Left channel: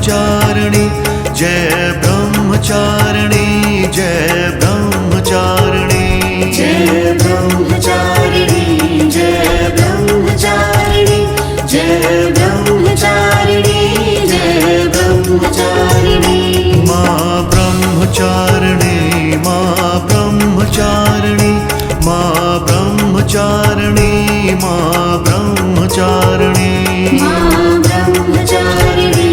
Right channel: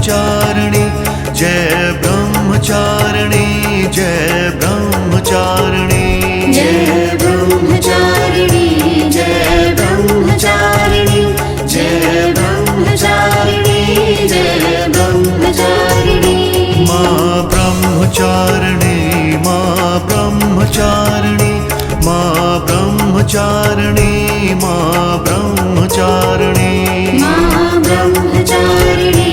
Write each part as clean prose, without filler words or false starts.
ब्रह्मचारिणी जय ब्रह्मचारिणी जय ब्रह्मचारिणी जय ब्रह्मचारिणी जय ब्रह्मचारिणी जय ब्रह्मचारिणी जय ब्रह्मचारिणी माँ ब्रह्मचारिणी माँ ब्रह्मचारिणी माँ ब्रह्मचारिणी माँ ब्रह्मचारिणी माँ ब्रह्मचारिणी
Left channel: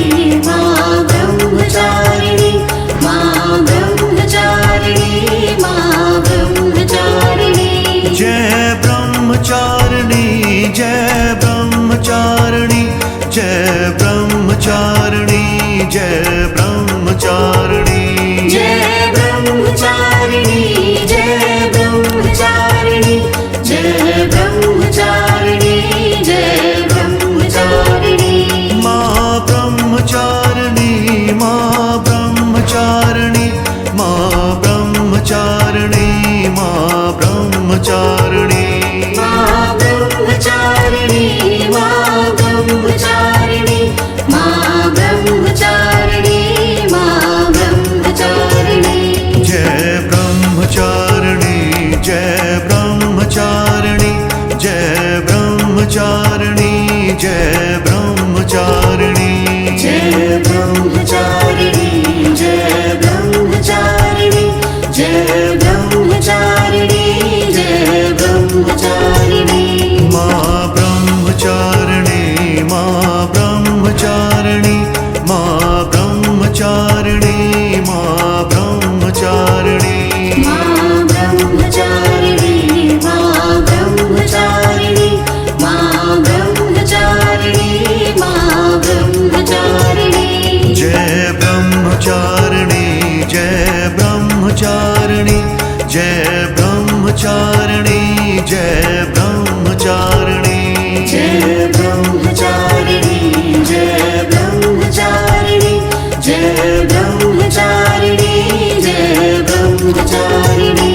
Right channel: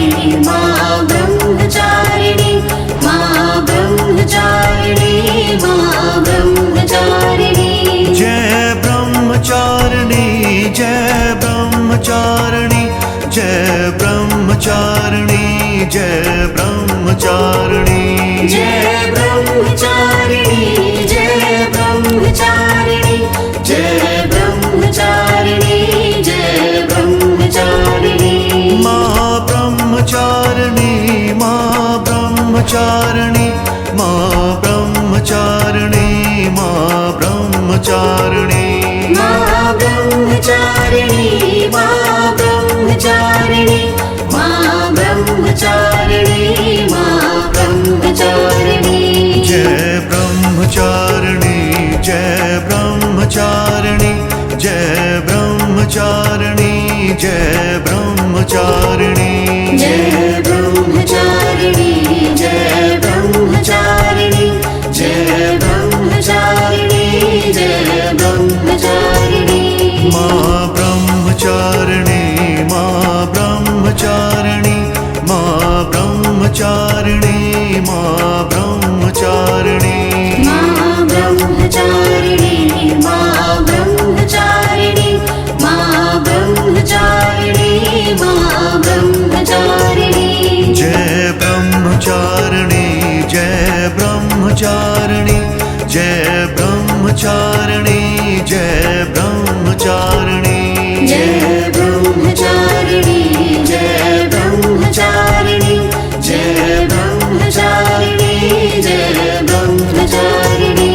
माँ ब्रह्मचारिणी माँ ब्रह्मचारिणी माँ ब्रह्मचारिणी जय ब्रह्मचारिणी जय ब्रह्मचारिणी जय ब्रह्मचारिणी जय ब्रह्मचारिणी जय ब्रह्मचारिणी जय ब्रह्मचारिणी जय ब्रह्मचारिणी जय ब्रह्मचारिणी माँ ब्रह्मचारिणी माँ ब्रह्मचारिणी माँ ब्रह्मचारिणी माँ ब्रह्मचारिणी माँ ब्रह्मचारिणी माँ ब्रह्मचारिणी माँ ब्रह्मचारिणी माँ ब्रह्मचारिणी जय ब्रह्मचारिणी जय ब्रह्मचारिणी जय ब्रह्मचारिणी जय ब्रह्मचारिणी जय ब्रह्मचारिणी जय ब्रह्मचारिणी जय ब्रह्मचारिणी जय ब्रह्मचारिणी माँ ब्रह्मचारिणी माँ ब्रह्मचारिणी माँ ब्रह्मचारिणी माँ ब्रह्मचारिणी माँ ब्रह्मचारिणी माँ ब्रह्मचारिणी माँ ब्रह्मचारिणी माँ ब्रह्मचारिणी जय ब्रह्मचारिणी जय ब्रह्मचारिणी जय ब्रह्मचारिणी जय ब्रह्मचारिणी जय ब्रह्मचारिणी जय ब्रह्मचारिणी जय ब्रह्मचारिणी जय ब्रह्मचारिणी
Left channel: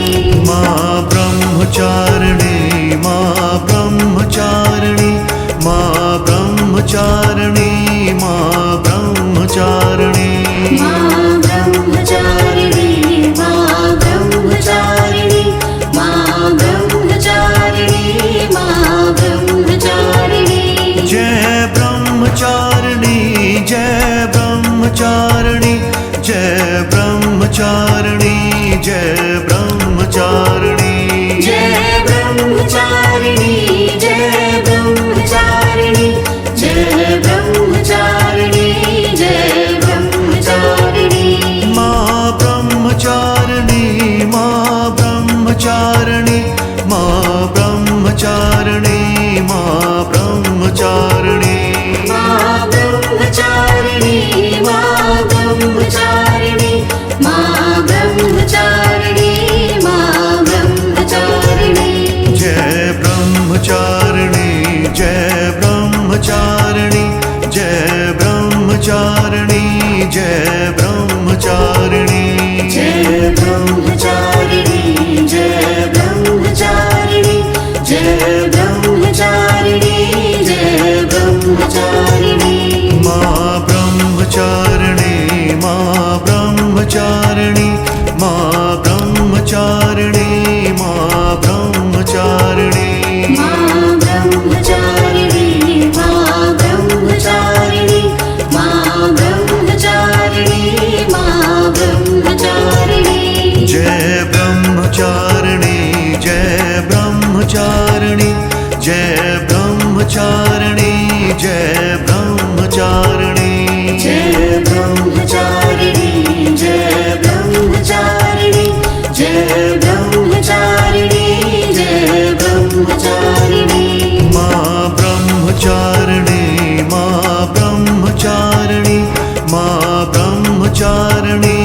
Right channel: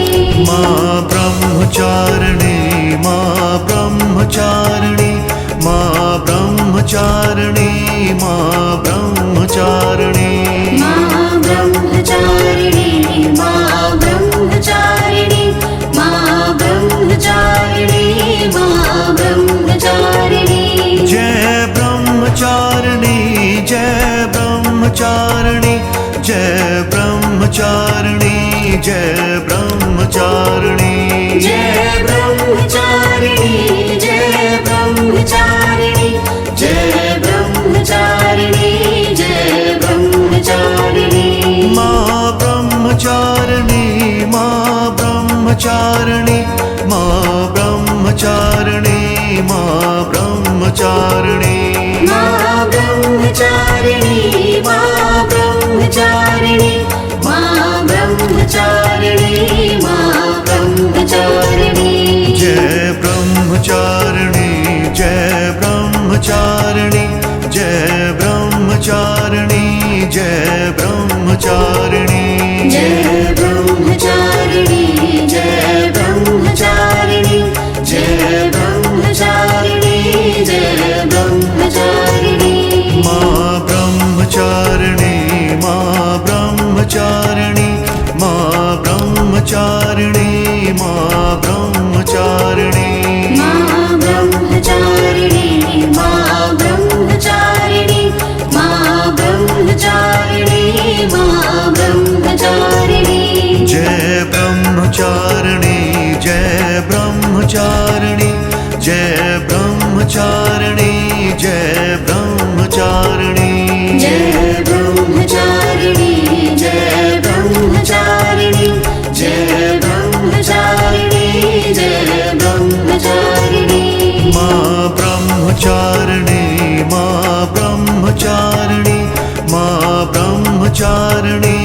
माँ ब्रह्मचारिणी माँ ब्रह्मचारिणी माँ ब्रह्मचारिणी माँ ब्रह्मचारिणी माँ ब्रह्मचारिणी माँ ब्रह्मचारिणी माँ ब्रह्मचारिणी माँ ब्रह्मचारिणी जय ब्रह्मचारिणी जय ब्रह्मचारिणी जय ब्रह्मचारिणी जय ब्रह्मचारिणी जय ब्रह्मचारिणी जय ब्रह्मचारिणी जय ब्रह्मचारिणी जय ब्रह्मचारिणी माँ ब्रह्मचारिणी माँ ब्रह्मचारिणी माँ ब्रह्मचारिणी माँ ब्रह्मचारिणी माँ ब्रह्मचारिणी माँ ब्रह्मचारिणी माँ ब्रह्मचारिणी माँ ब्रह्मचारिणी जय ब्रह्मचारिणी जय ब्रह्मचारिणी जय ब्रह्मचारिणी जय ब्रह्मचारिणी जय ब्रह्मचारिणी जय ब्रह्मचारिणी जय ब्रह्मचारिणी जय ब्रह्मचारिणी माँ ब्रह्मचारिणी माँ ब्रह्मचारिणी माँ ब्रह्मचारिणी माँ ब्रह्मचारिणी माँ ब्रह्मचारिणी माँ ब्रह्मचारिणी माँ ब्रह्मचारिणी माँ ब्रह्मचारिणी जय ब्रह्मचारिणी जय ब्रह्मचारिणी जय ब्रह्मचारिणी जय ब्रह्मचारिणी जय ब्रह्मचारिणी जय ब्रह्मचारिणी जय ब्रह्मचारिणी जय ब्रह्मचारिणी माँ ब्रह्मचारिणी माँ ब्रह्मचारिणी माँ ब्रह्मचारिणी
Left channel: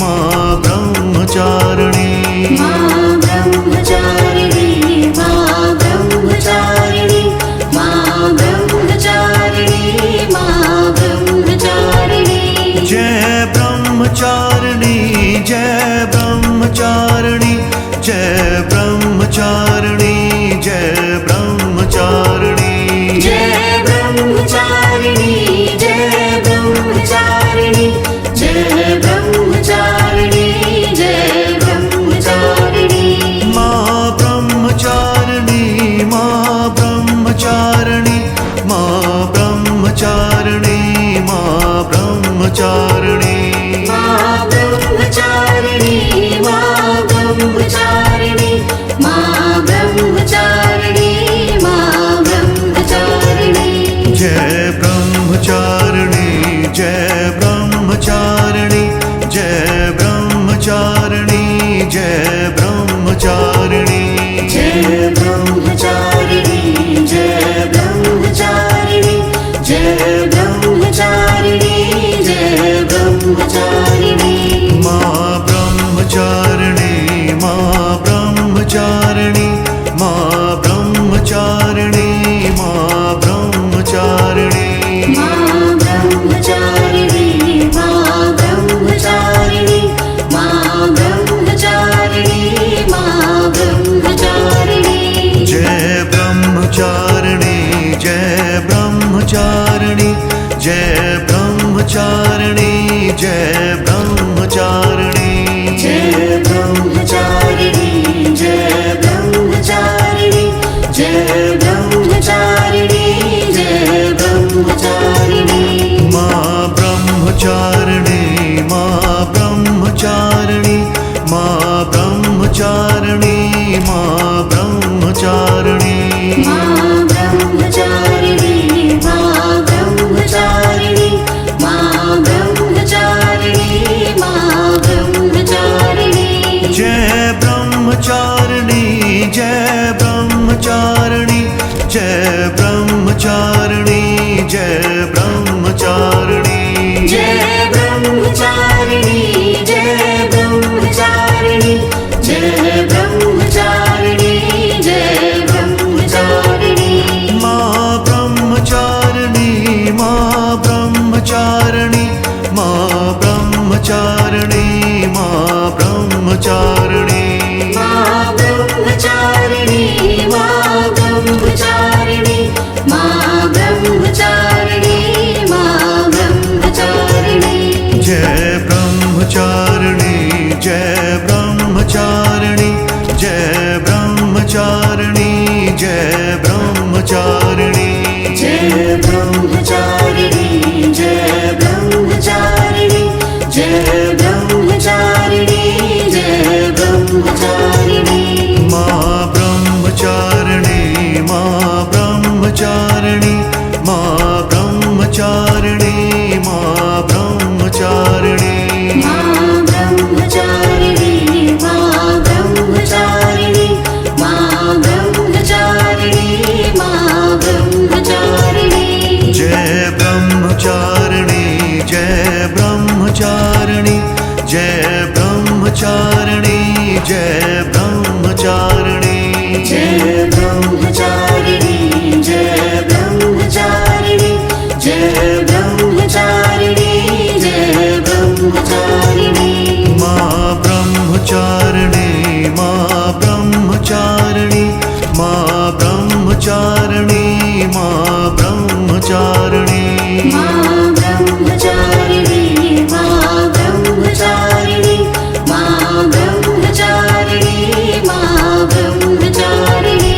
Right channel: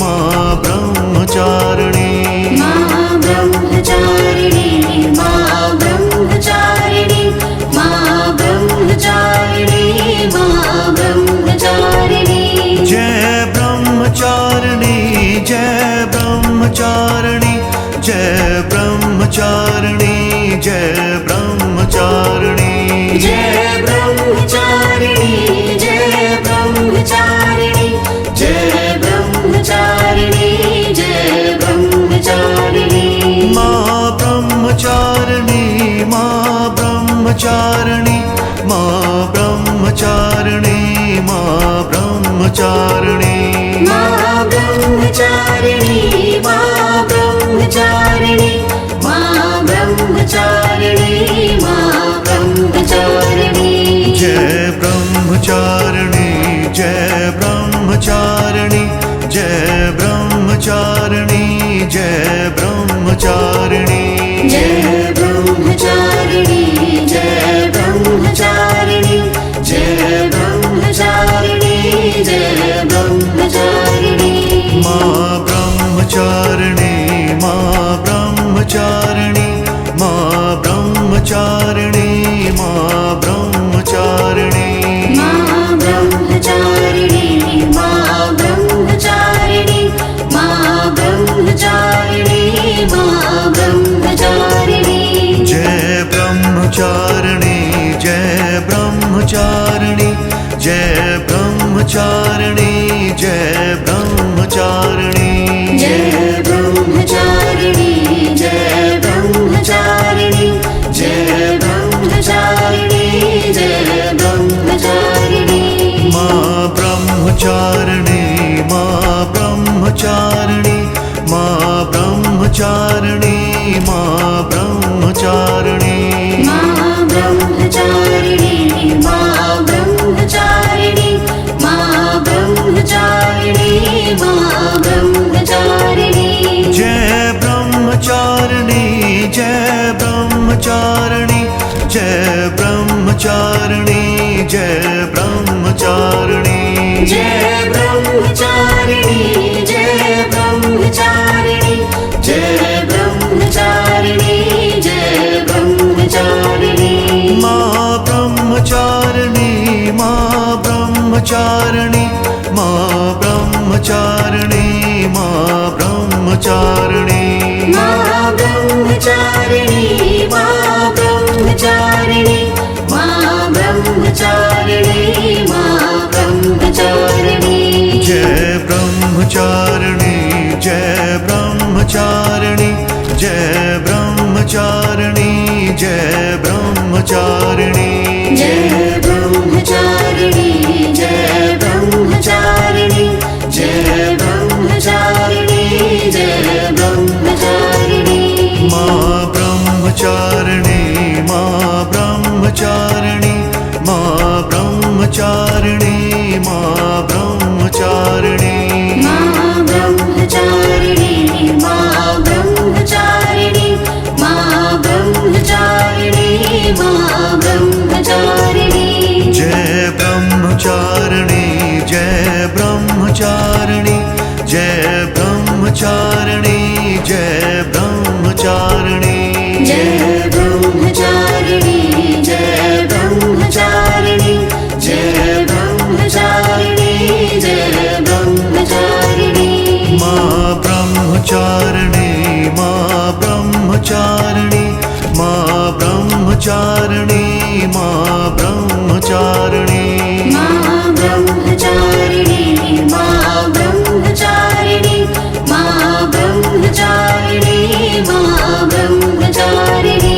माँ ब्रह्मचारिणी माँ ब्रह्मचारिणी माँ ब्रह्मचारिणी माँ ब्रह्मचारिणी माँ ब्रह्मचारिणी जय ब्रह्मचारिणी जय ब्रह्मचारिणी जय ब्रह्मचारिणी जय ब्रह्मचारिणी जय ब्रह्मचारिणी जय ब्रह्मचारिणी ब्रह्मचारिणी माँ ब्रह्मचारिणी माँ ब्रह्मचारिणी माँ ब्रह्मचारिणी माँ ब्रह्मचारिणी माँ ब्रह्मचारिणी माँ ब्रह्मचारिणी माँ ब्रह्मचारिणी जय ब्रह्मचारिणी जय ब्रह्मचारिणी जय ब्रह्मचारिणी जय ब्रह्मचारिणी जय ब्रह्मचारिणी जय ब्रह्मचारिणी जय ब्रह्मचारिणी जय ब्रह्मचारिणी माँ ब्रह्मचारिणी माँ ब्रह्मचारिणी माँ ब्रह्मचारिणी माँ ब्रह्मचारिणी माँ ब्रह्मचारिणी माँ ब्रह्मचारिणी माँ ब्रह्मचारिणी माँ ब्रह्मचारिणी जय ब्रह्मचारिणी जय ब्रह्मचारिणी जय ब्रह्मचारिणी जय ब्रह्मचारिणी जय ब्रह्मचारिणी जय ब्रह्मचारिणी जय ब्रह्मचारिणी जय ब्रह्मचारिणी माँ ब्रह्मचारिणी माँ ब्रह्मचारिणी माँ ब्रह्मचारिणी माँ ब्रह्मचारिणी माँ ब्रह्मचारिणी माँ ब्रह्मचारिणी माँ ब्रह्मचारिणी माँ ब्रह्मचारिणी जय ब्रह्मचारिणी जय ब्रह्मचारिणी जय ब्रह्मचारिणी जय ब्रह्मचारिणी जय ब्रह्मचारिणी जय ब्रह्मचारिणी जय ब्रह्मचारिणी जय ब्रह्मचारिणी माँ ब्रह्मचारिणी माँ ब्रह्मचारिणी माँ ब्रह्मचारिणी माँ ब्रह्मचारिणी माँ ब्रह्मचारिणी माँ ब्रह्मचारिणी माँ ब्रह्मचारिणी माँ ब्रह्मचारिणी जय ब्रह्मचारिणी जय ब्रह्मचारिणी जय ब्रह्मचारिणी जय ब्रह्मचारिणी जय ब्रह्मचारिणी जय ब्रह्मचारिणी जय ब्रह्मचारिणी जय ब्रह्मचारिणी माँ ब्रह्मचारिणी माँ ब्रह्मचारिणी माँ ब्रह्मचारिणी माँ ब्रह्मचारिणी माँ ब्रह्मचारिणी माँ ब्रह्मचारिणी माँ ब्रह्मचारिणी माँ ब्रह्मचारिणी जय ब्रह्मचारिणी जय ब्रह्मचारिणी जय ब्रह्मचारिणी जय ब्रह्मचारिणी जय ब्रह्मचारिणी जय ब्रह्मचारिणी जय ब्रह्मचारिणी जय ब्रह्मचारिणी माँ ब्रह्मचारिणी माँ ब्रह्मचारिणी माँ ब्रह्मचारिणी माँ ब्रह्मचारिणी माँ ब्रह्मचारिणी माँ ब्रह्मचारिणी माँ ब्रह्मचारिणी माँ ब्रह्मचारिणी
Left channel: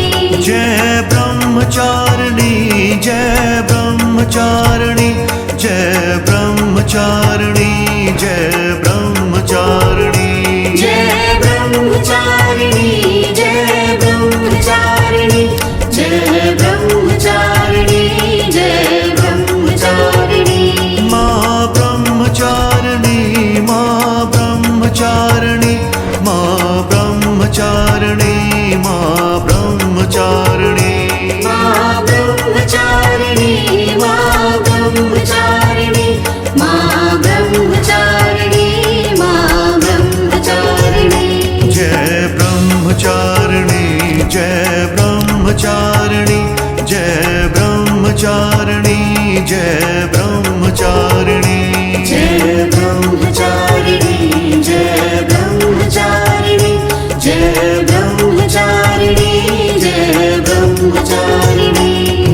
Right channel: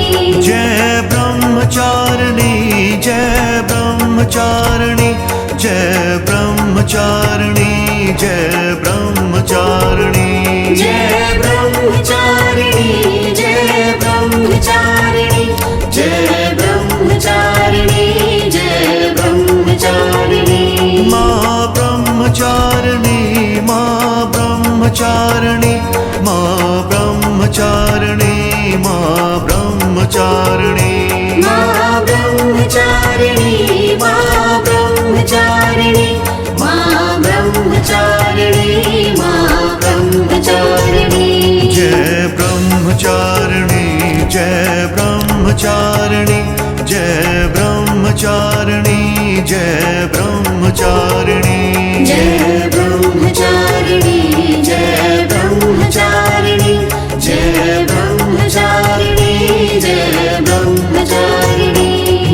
जय ब्रह्मचारिणी जय ब्रह्मचारिणी जय ब्रह्मचारिणी जय ब्रह्मचारिणी जय ब्रह्मचारिणी जय ब्रह्मचारिणी जय ब्रह्मचारिणी जय ब्रह्मचारिणी माँ ब्रह्मचारिणी माँ ब्रह्मचारिणी माँ ब्रह्मचारिणी माँ ब्रह्मचारिणी माँ ब्रह्मचारिणी माँ ब्रह्मचारिणी माँ ब्रह्मचारिणी माँ ब्रह्मचारिणी जय ब्रह्मचारिणी जय ब्रह्मचारिणी जय ब्रह्मचारिणी जय ब्रह्मचारिणी जय ब्रह्मचारिणी जय ब्रह्मचारिणी जय ब्रह्मचारिणी जय ब्रह्मचारिणी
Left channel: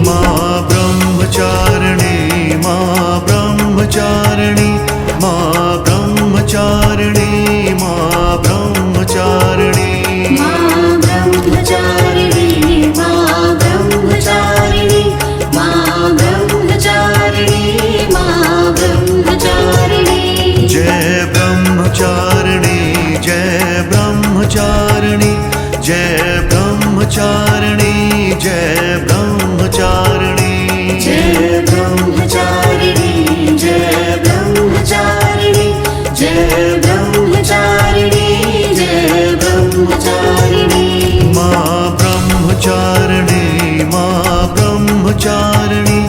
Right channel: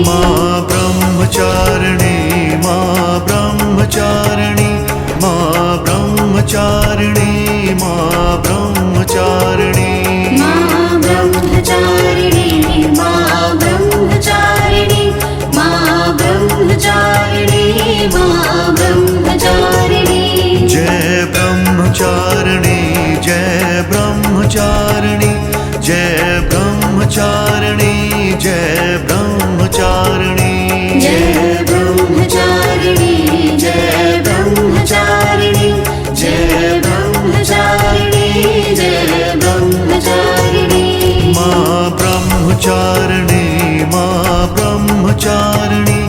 माँ ब्रह्मचारिणी माँ ब्रह्मचारिणी माँ ब्रह्मचारिणी माँ ब्रह्मचारिणी माँ ब्रह्मचारिणी ब्रह्मचारिणी जय ब्रह्मचारिणी जय ब्रह्मचारिणी जय ब्रह्मचारिणी जय ब्रह्मचारिणी जय ब्रह्मचारिणी जय ब्रह्मचारिणी जय ब्रह्मचारिणी माँ ब्रह्मचारिणी माँ ब्रह्मचारिणी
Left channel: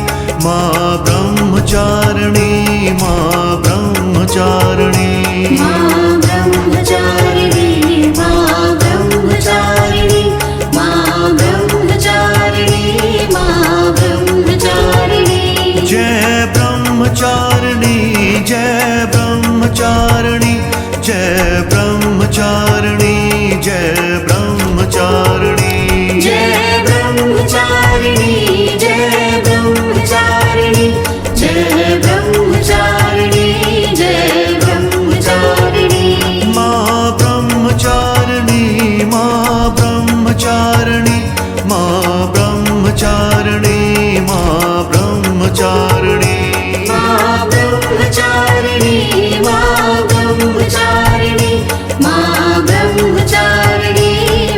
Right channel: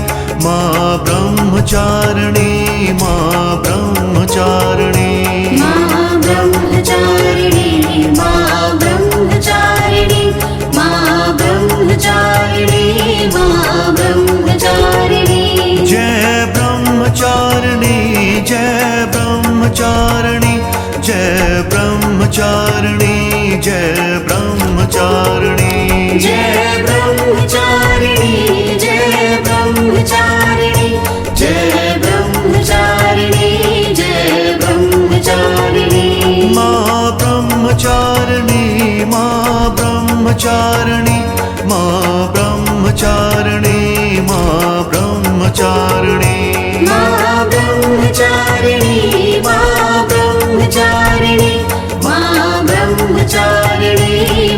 माँ ब्रह्मचारिणी माँ ब्रह्मचारिणी माँ ब्रह्मचारिणी माँ ब्रह्मचारिणी माँ ब्रह्मचारिणी माँ ब्रह्मचारिणी जय ब्रह्मचारिणी जय ब्रह्मचारिणी जय ब्रह्मचारिणी जय ब्रह्मचारिणी जय ब्रह्मचारिणी जय ब्रह्मचारिणी जय ब्रह्मचारिणी जय ब्रह्मचारिणी माँ ब्रह्मचारिणी माँ ब्रह्मचारिणी माँ ब्रह्मचारिणी माँ ब्रह्मचारिणी माँ ब्रह्मचारिणी माँ ब्रह्मचारिणी माँ ब्रह्मचारिणी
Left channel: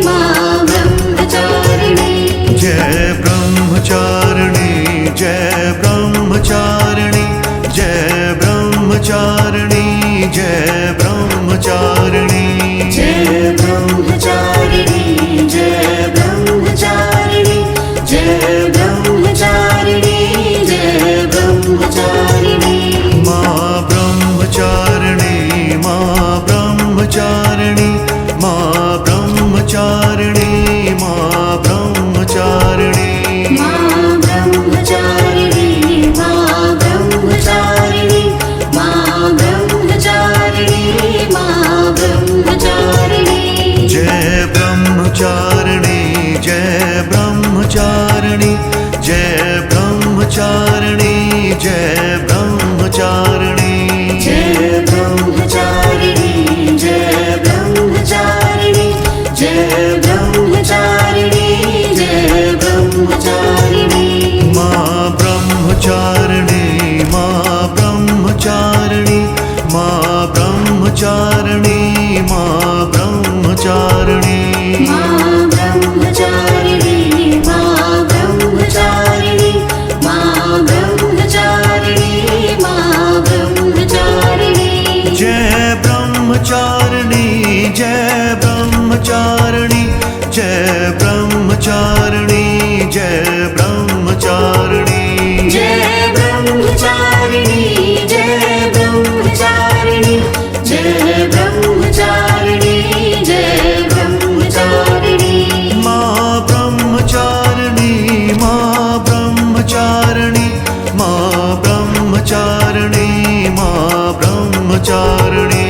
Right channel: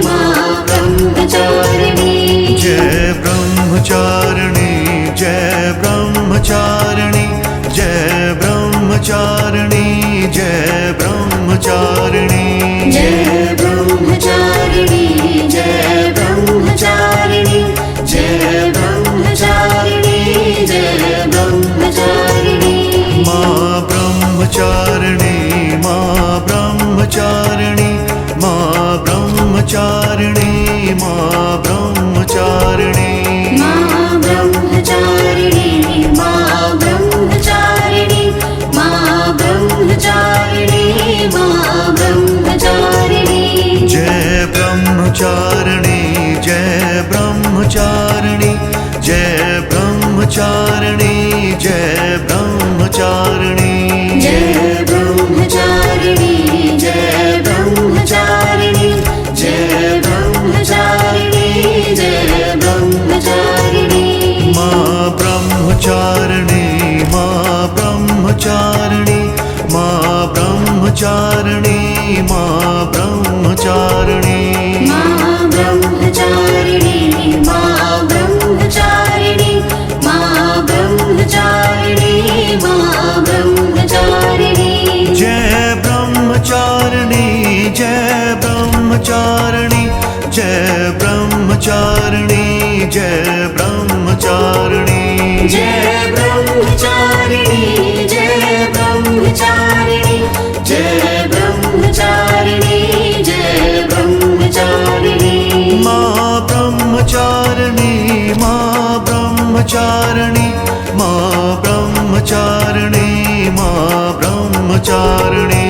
माँ ब्रह्मचारिणी जय ब्रह्मचारिणी जय ब्रह्मचारिणी जय ब्रह्मचारिणी जय ब्रह्मचारिणी जय ब्रह्मचारिणी जय ब्रह्मचारिणी जय ब्रह्मचारिणी जय ब्रह्मचारिणी माँ ब्रह्मचारिणी माँ ब्रह्मचारिणी माँ ब्रह्मचारिणी माँ ब्रह्मचारिणी माँ ब्रह्मचारिणी माँ ब्रह्मचारिणी माँ ब्रह्मचारिणी माँ ब्रह्मचारिणी जय ब्रह्मचारिणी जय ब्रह्मचारिणी जय ब्रह्मचारिणी जय ब्रह्मचारिणी जय ब्रह्मचारिणी जय ब्रह्मचारिणी जय ब्रह्मचारिणी जय ब्रह्मचारिणी माँ ब्रह्मचारिणी माँ ब्रह्मचारिणी माँ ब्रह्मचारिणी माँ ब्रह्मचारिणी माँ ब्रह्मचारिणी माँ ब्रह्मचारिणी माँ ब्रह्मचारिणी माँ ब्रह्मचारिणी जय ब्रह्मचारिणी जय ब्रह्मचारिणी जय ब्रह्मचारिणी जय ब्रह्मचारिणी जय ब्रह्मचारिणी जय ब्रह्मचारिणी जय ब्रह्मचारिणी जय ब्रह्मचारिणी माँ ब्रह्मचारिणी माँ ब्रह्मचारिणी माँ ब्रह्मचारिणी माँ ब्रह्मचारिणी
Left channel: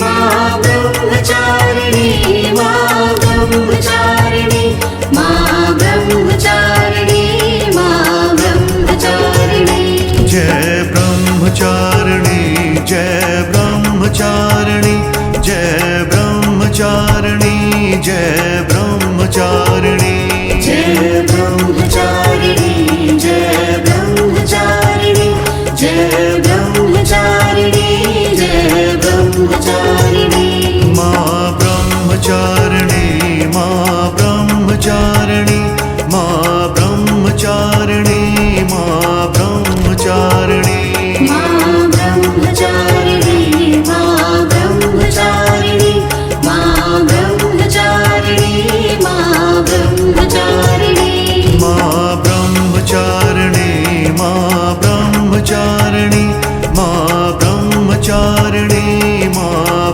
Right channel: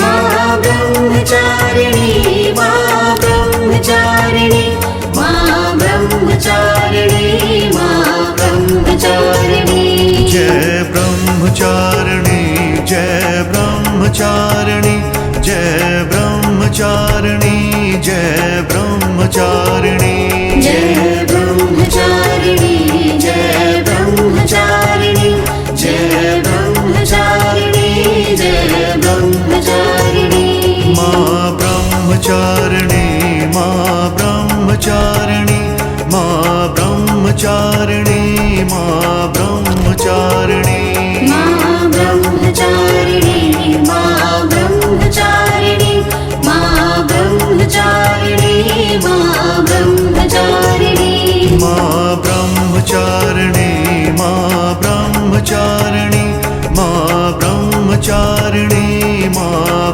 माँ ब्रह्मचारिणी माँ ब्रह्मचारिणी माँ ब्रह्मचारिणी माँ ब्रह्मचारिणी जय ब्रह्मचारिणी जय ब्रह्मचारिणी जय ब्रह्मचारिणी जय ब्रह्मचारिणी जय ब्रह्मचारिणी जय ब्रह्मचारिणी जय ब्रह्मचारिणी जय ब्रह्मचारिणी माँ ब्रह्मचारिणी माँ ब्रह्मचारिणी माँ ब्रह्मचारिणी माँ ब्रह्मचारिणी माँ ब्रह्मचारिणी माँ ब्रह्मचारिणी माँ ब्रह्मचारिणी माँ ब्रह्मचारिणी माँ ब्रह्मचारिणी माँ ब्रह्मचारिणी माँ ब्रह्मचारिणी माँ